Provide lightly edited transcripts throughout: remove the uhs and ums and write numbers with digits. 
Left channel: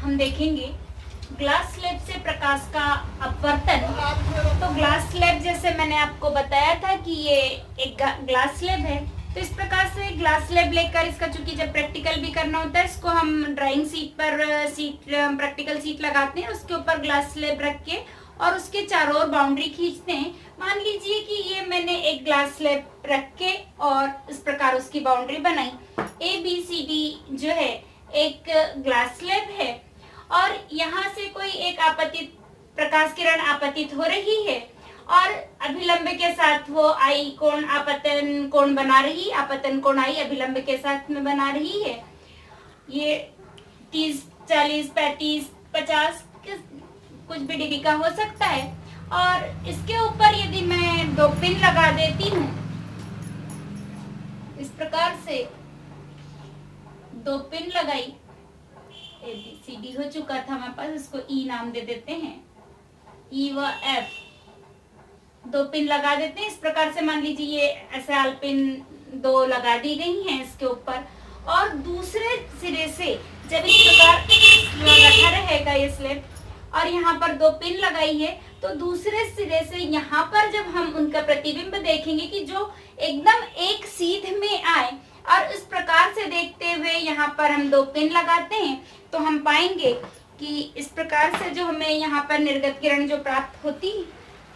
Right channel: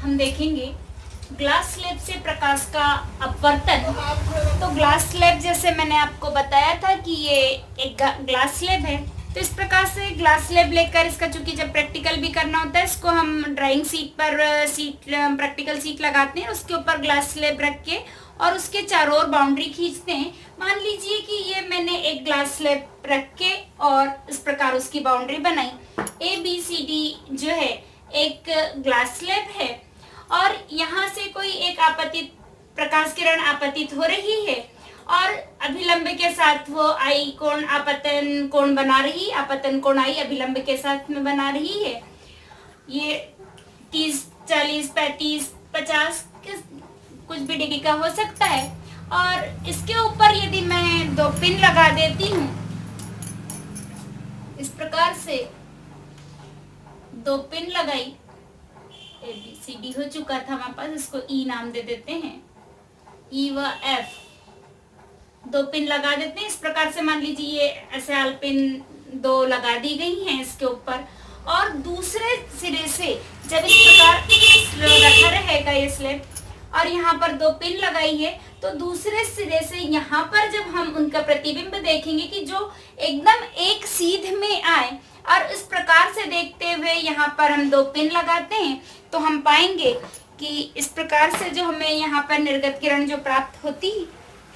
हम देखेंगे glass slab से प्रकाश का अपवर्तन। तो ग्लास स्लैब जैसे मैंने आपको बताया था कि ये एक ग्लास स्लैब है। तो इस प्रकार से ग्लास स्लैब लेकर इसका चूंकि जब प्रैक्टिकल भी करना होता है, इसको हम ड्राइंग सीट पर प्रैक्टिकल सीट लगाते हैं, उसके ऊपर ग्लास स्लैब रख के और उसके चारों ओर बाउंड्री खींचते हैं। मान लीजिए कि ये मैंने एक ग्लास स्लैब रख के और इस प्रकार उसकी बाउंड्री बनाई। ABCD जो है एक ग्लास स्लैब है और यहाँ से कोई एक आपतित प्रकाश किरण आपतित हो रही है और अभिलंब के साथ वो आई कोण आपतन कोण बना रही, आपतन कोण आई अभिलंब के साथ में बना रही है। ये 30, 40, 35, 50 कुछ भी डिग्री का हो सकता है। और इसके ऊपर यदि मैं 2 पिन लगा देती हूँ इस प्रकार से, 2 पिन लगाई, ABCD हो चुका था हमारे पास, इसको E नाम दे देते हैं, E व F 2 पिन लगा देते हैं। इस प्रकार से मान लीजिए ये एसआल पिन 2 लगा दी गई हैं इसके ऊपर और दूसरे सिरे से जब इस प्रकार रखा रहेगा ये स्लैब और यहाँ पर 2 पिन लगाई है, तो दूसरे सिरे से यहाँ पर जब हम उनका प्रतिबिंब देखेंगे कि जो एकदम एक सीध में आए और इस प्रकार से देखते हुए यहाँ पर हम 2 पिन लगाते हैं, तो हम पाएंगे कि इस प्रकार से जो हमें यहाँ पर निर्गत किरण जो प्राप्त होती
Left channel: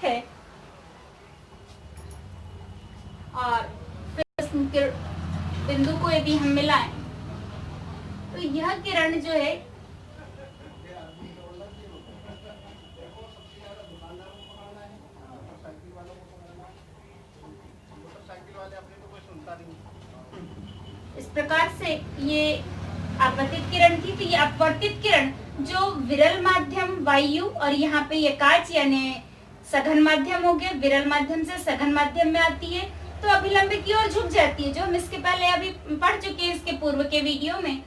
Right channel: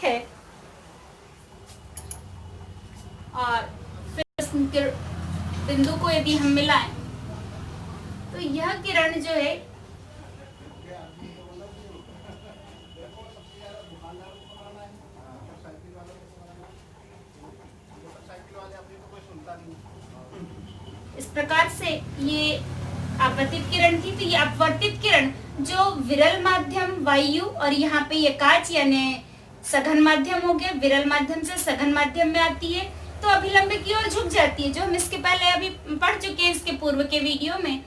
है और फिर उस बिंदु को यदि हम मिलाएं तो यह किरण जो है इस प्रकार से ये आपतित किरण थी। तो ये अपवर्तित किरण जो विरल माध्यम वायु और यहाँ पे ये कांच यानी सघन माध्यम हो गया, विरल माध्यम से सघन माध्यम में आती है तो अभिलंब की ओर झुक जाती है, जो हम इसके पहले अभी पढ़ चुके हैं इसके पूर्व के वीडियो में।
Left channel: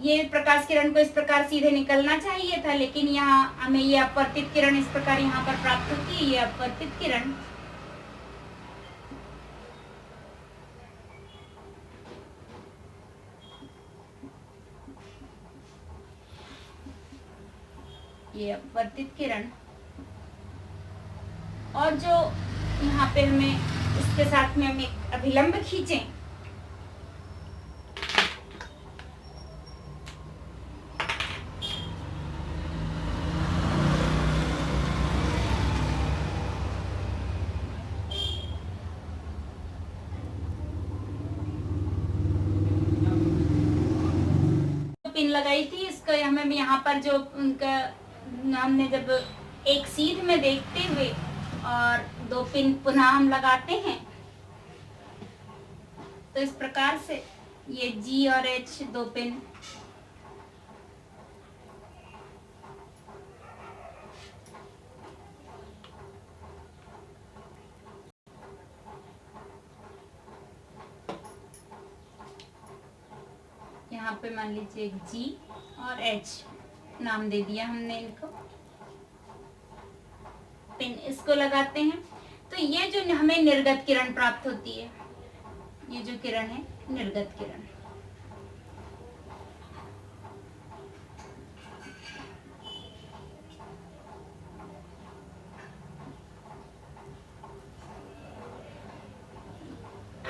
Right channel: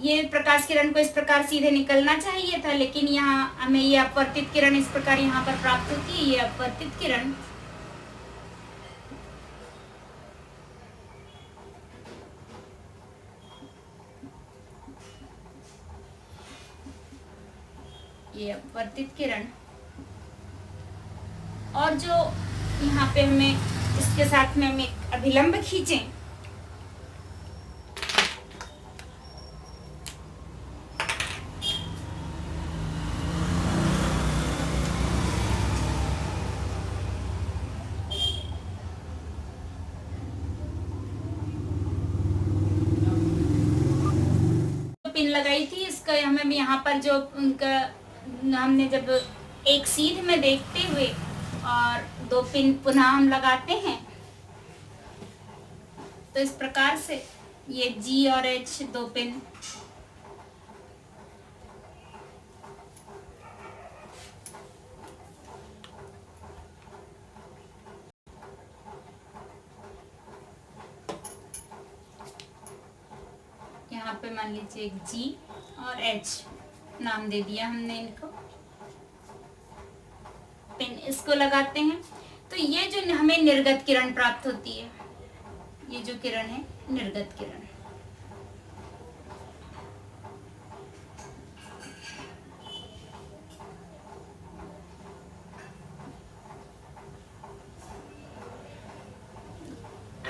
ये प्रकाश किरण को इस प्रकार सीधे निकलना चाहिए था, लेकिन यहाँ हमें ये अपवर्तित किरण इस प्रकार यहाँ पर प्राप्त होती है। ये अपवर्तित किरण ये अपवर्तित किरण और जो यहाँ पे हमें इसके साथ में हम एक अभिलंब खींचें पिन लगाई थी, इसका हमें यहाँ पर जो उनका हमने जब एक सीध में देखते हुए और 2 पिन पुनः हम लगाते हैं तो इस प्रकार से ये G और H 2 पिन यहाँ पे मान लीजिए एक G और H नाम दे दिया हमने इनको, पिन इसको लगाते हैं तो ये जो हमें निर्गत किरण प्राप्त होती है, ये जो किरण है निर्गत किरण।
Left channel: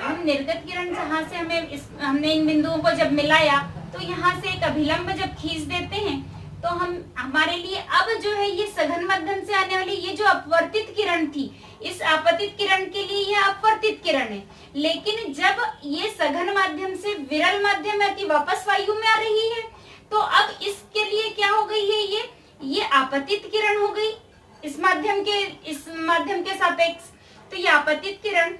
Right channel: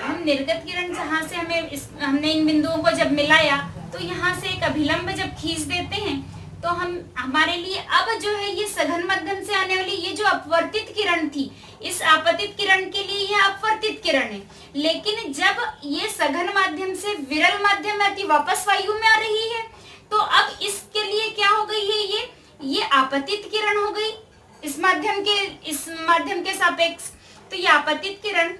हम निर्गत किरण जहां से हमने इन बिंदुओं को जब मिलाया तो यहाँ से एक अभिलंब जब खींच देते हैं तो हमारे लिए अब जो है ये सघन माध्यम से आने वाली ये जो अपवर्तित किरण थी, इस आपतित किरण के लिए यह अपवर्तित किरण है। लेकिन जब ये सघन माध्यम से विरल माध्यम में आती वापस वायु में आ रही है तो अब इसके लिए क्या हो गई है, ये आपतित किरण हो गई इस माध्यम के सापेक्ष। तो ये आपतित किरण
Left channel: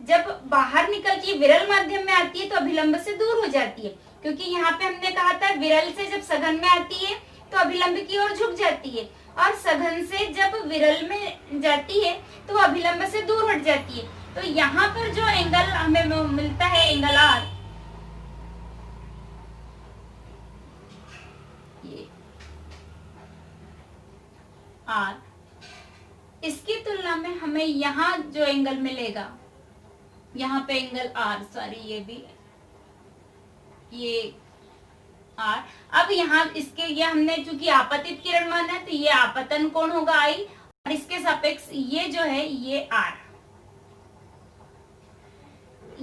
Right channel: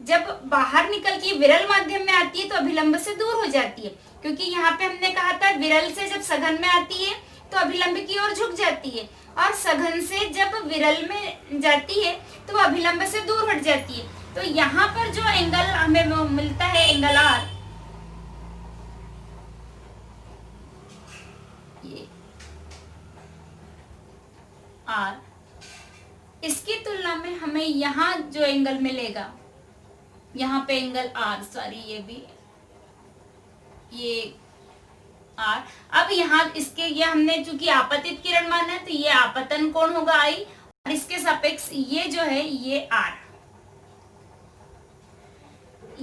जब बाहर निकल के विरल माध्यम में आती है तो अभिलंब से दूर हो जाती है, क्योंकि यहाँ पे हमने कहा था विरल से जब सघन में आती है तो अभिलंब की ओर झुक जाती है और सघन से जब विरल में जाती है तो अभिलंब से दूर हट जाती है। तो यहाँ पर जो एंगल हमें मिलता है एंगल R, ये R, इसकी तुलना में हमें यहाँ जो एंगल मिलेगा, यहाँ पे एंगल R, सॉरी ये आर। अब यहाँ इसके ये हमने चूंकि आपतित किरण माना है तो ये आपतन कोण होगा आई, और इसके सापेक्ष ये जो है ये आर,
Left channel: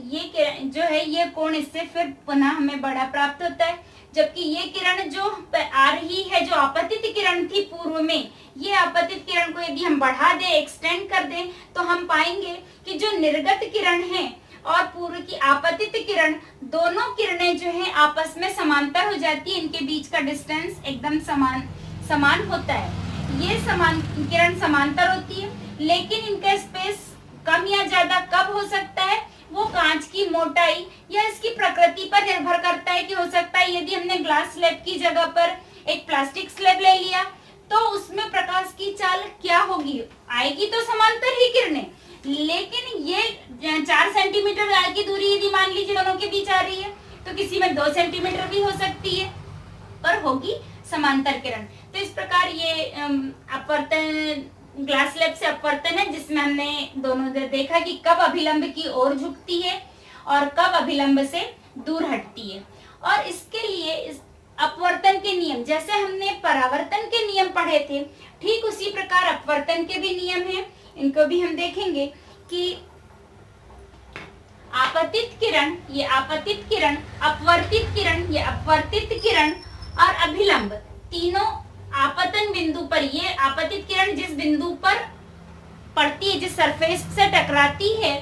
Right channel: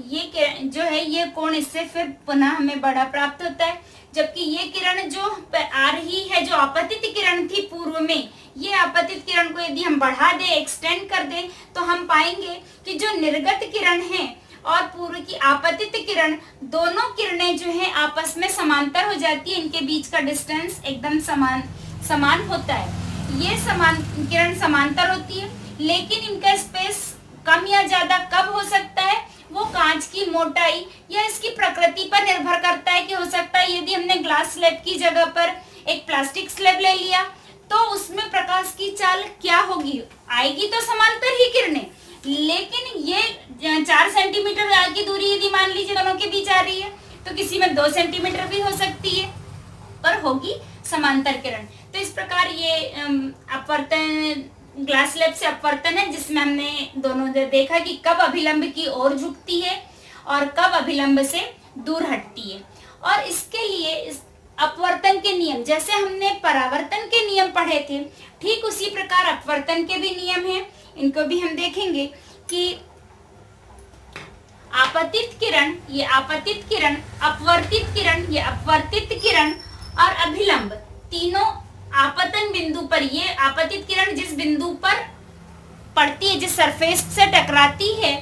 ये जो है ये कोण इससे फिर पुनः हमें बड़ा प्राप्त होता है। जबकि ये किरण जो आ रही है, जो आपतित किरण थी पूर्व में, ये आपतित किरण को यदि हम बढ़ा दें, एक्सटेंड कर दें, तो हम पाएंगे कि जो निर्गत किरण है और पूर्व की आपतित किरण, दोनों किरणें जो हैं आपस में समांतर हो जाती है। इनके बीच का डिस्टेंस एकदम समान होता है। ये किरण समांतर होती है, लेकिन इनका स्पेस कम या ज्यादा कब हो सकता है, वो कांच की मोटाई या इसकी प्रकृति पर निर्भर करता है। कि हो सकता है यदि हमने ग्लास स्लैब की जगह पर एक प्लास्टिक स्लैब ले लिया तो उसमें प्रकाश की चाल क्या होगी, आएगी तो समांतर ही किरणें, लेकिन ये 4 सेंटीमीटर की दूरी यदि मान लीजिए दोनों के बीच आ रही है तो किसी में 2 सेंटीमीटर भी हो सकती है, पर होगी समांतर किरण। तो इस प्रकार ये अपवर्तन, ग्लास स्लैब से अपवर्तन है, जिसमें हमने दोनों देखा कि कब अभिलंब की ओर झुकती है और कब अभिलंब से दूर हटती है। और इसके लिए इस अपवर्तन के नियम, जैसे हमने परावर्तन के नियम पढ़े थे, ठीक उसी प्रकार अपवर्तन के भी नियम हैं। इनको भी हम देखेंगे कि आपतित किरण, ये आपतित किरण, अपवर्तित किरण, ये अपवर्तित किरण, और अभिलंब, तीनों आपतन बिंदु पर, ये आपतित किरण जिस बिंदु पर पड़ती है, जिस सरफेस से टकराती है,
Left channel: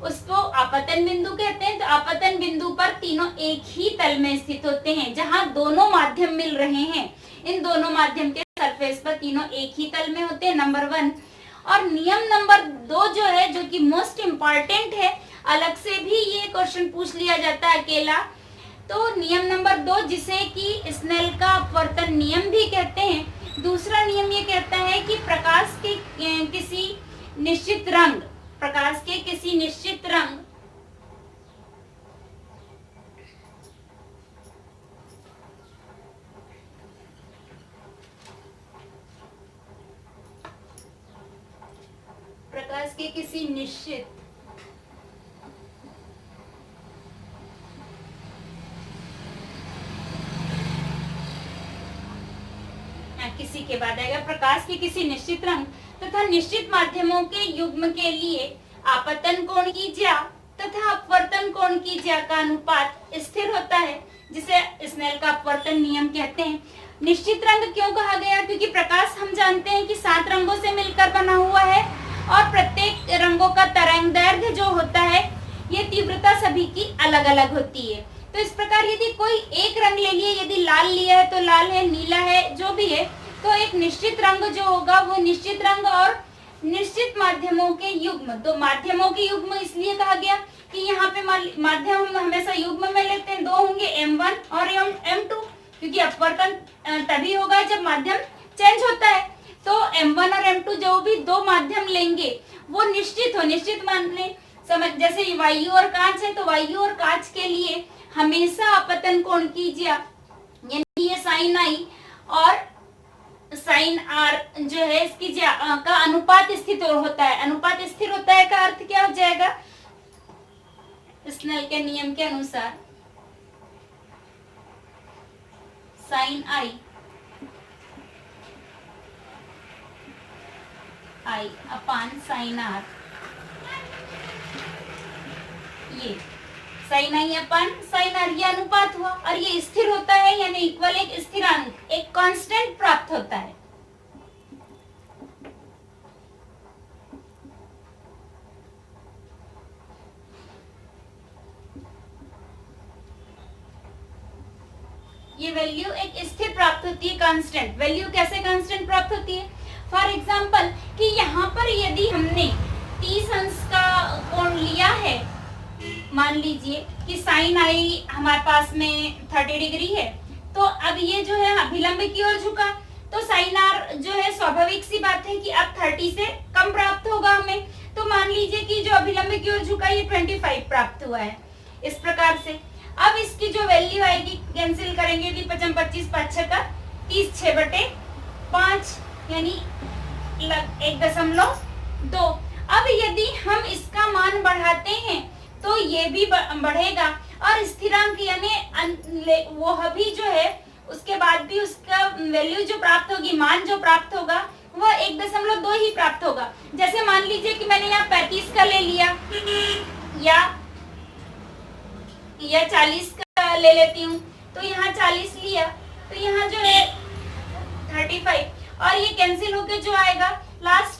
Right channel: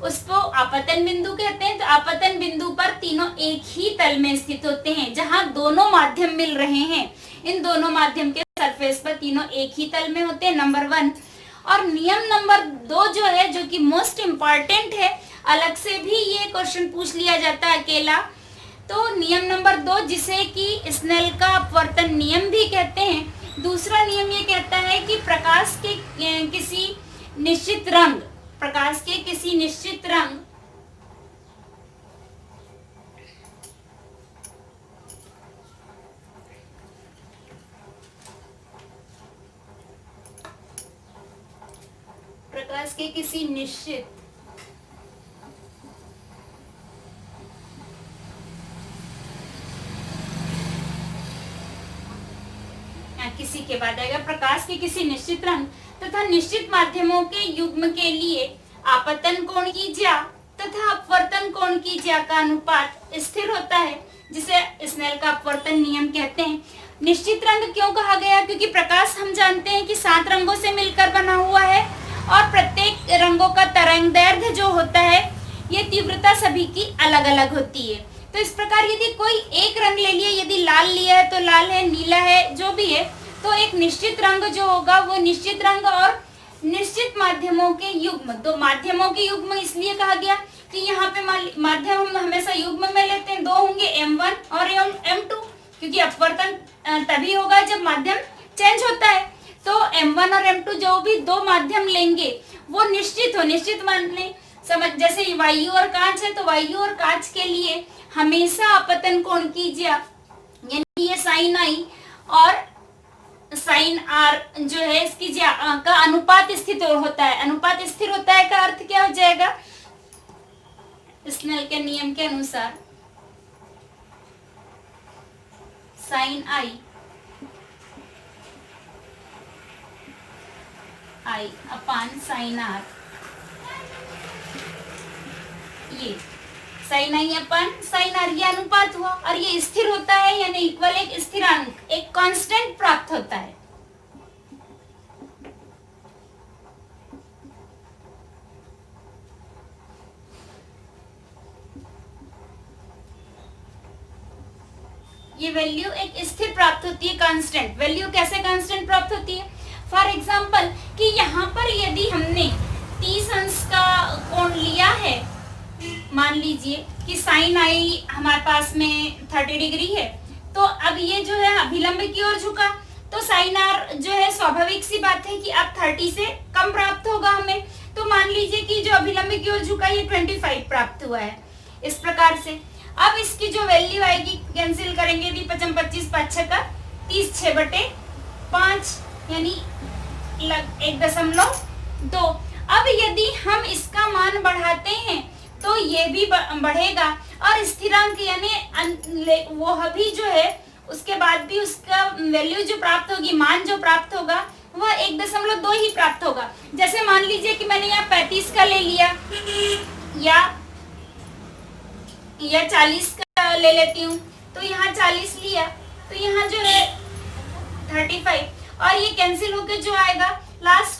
उसको आपतन बिंदु कहते हैं। तो आपतन बिंदु पर तीनों एक ही तल में स्थित होते हैं, जहां दोनों माध्यम मिल रहे हैं। इन दोनों माध्यम के सरफेस पर तीनों एक ही तल में होते हैं, नंबर 1। और नियम नंबर 2 जो है, जो कि मोस्ट इम्पॉर्टेंट है, अलग से भी ये क्वेश्चन पूछ लिया जाता है अकेला। तो नियम नंबर 2, जिसे कि स्नेल का अपवर्तन नियम भी कहते हैं, दूसरा नियम ये कहता है कि प्रकाश के किसी निश्चित रंग, प्रकाश के किसी निश्चित रंग प्रकाश के किसी निश्चित किसी के बाद आएगा, प्रकाश के किसी निश्चित रंग तथा निश्चित माध्यमों के युग्म के लिए आपतन कोण की ज्या तथा अपवर्तन कोण की ज्या का अनुपात स्थिर होता है, जिसे स्नेल का अपवर्तन नियम कहते हैं। निश्चित रंग क्यों कहा गया? क्योंकि प्रकाश हम जानते हैं कि 7 रंगों से मिलकर बना हुआ है, और प्रत्येक रंगों का तरंगदैर्घ्य जो होता है, ये तीव्रता सभी की अलग अलग होती है। तो इस प्रकार यदि कोई एक रंग ले लिए, यदि लाल लिया है तो लाल है, नीला है, जो भी है, तो एक निश्चित रंग जो होगा वो निश्चित रंग और निश्चित माध्यमों के युग्म। तो माध्यमों के युग्म इसलिए कहा गया कि यहाँ पे माध्यम हम हमेशा युग्म में लेते हैं, 2 होंगे, M1 और M2, क्योंकि अपवर्तन तभी होगा जब माध्यम चेंज होता है। तो M1 और M2 जो भी 2 माध्यम लेंगे वो निश्चित हो, निश्चित मान ले, समझ, जैसे वायु और कांच है, तो वायु और कांच के लिए हमेशा आपतन कोण की ज्या, यानी ये साइन आई और साइन आर जो है, इसकी ज्या का अनुपात स्थिर होता है। अनुपात स्थिर होता है का अर्थ क्या हो जाएगा? स्नेल के नियम के अनुसार sine i upon sine r, ये sine i upon sine r, ये अनुपात हुआ, और ये स्थिर होता है, यानी इक्वल, एक स्थिरांक, एक कांस्टेंट प्राप्त होता है। ये वैल्यू एक स्थिर प्राप्त होती है, कांस्टेंट वैल्यू। कैसे कांस्टेंट प्राप्त होती है? फॉर एग्जाम्पल कि यहाँ पर यदि हमने 30 अंश का कोण लिया है, मान लीजिए कि साइन आई हमारे पास में 30 डिग्री है, तो अब ये जो है अभिलंब की ओर झुका, तो साइन आर जो है स्वाभाविक सी बात है कि अब 30 से कम प्राप्त होगा हमें। तो मान लीजिए कि जो अभिलंब की ओर झुका ये 25 प्राप्त हुआ है, इस प्रकार से। अब इसकी जो वैल्यू आएगी, कैंसिल करेंगे, 25 25 5 का 30, 6/5, यानी 1.2। अब यदि हम इसका मान बढ़ाते हैं तो ये भी बढ़ेगा, और स्थिरांक यानी वो अभी जो है उसके बाद भी उसका वैल्यू जो प्राप्त होगी, मान जो प्राप्त होगा वह 1.2 ही प्राप्त होगा। जैसे मान लीजिए कि मैंने यहाँ 35 का ले लिया या 40 का ले लेती हूँ, तो यहाँ 40 लिया तो यहाँ जो है 35 और ये कैंसिल होके जो आएगा लास्ट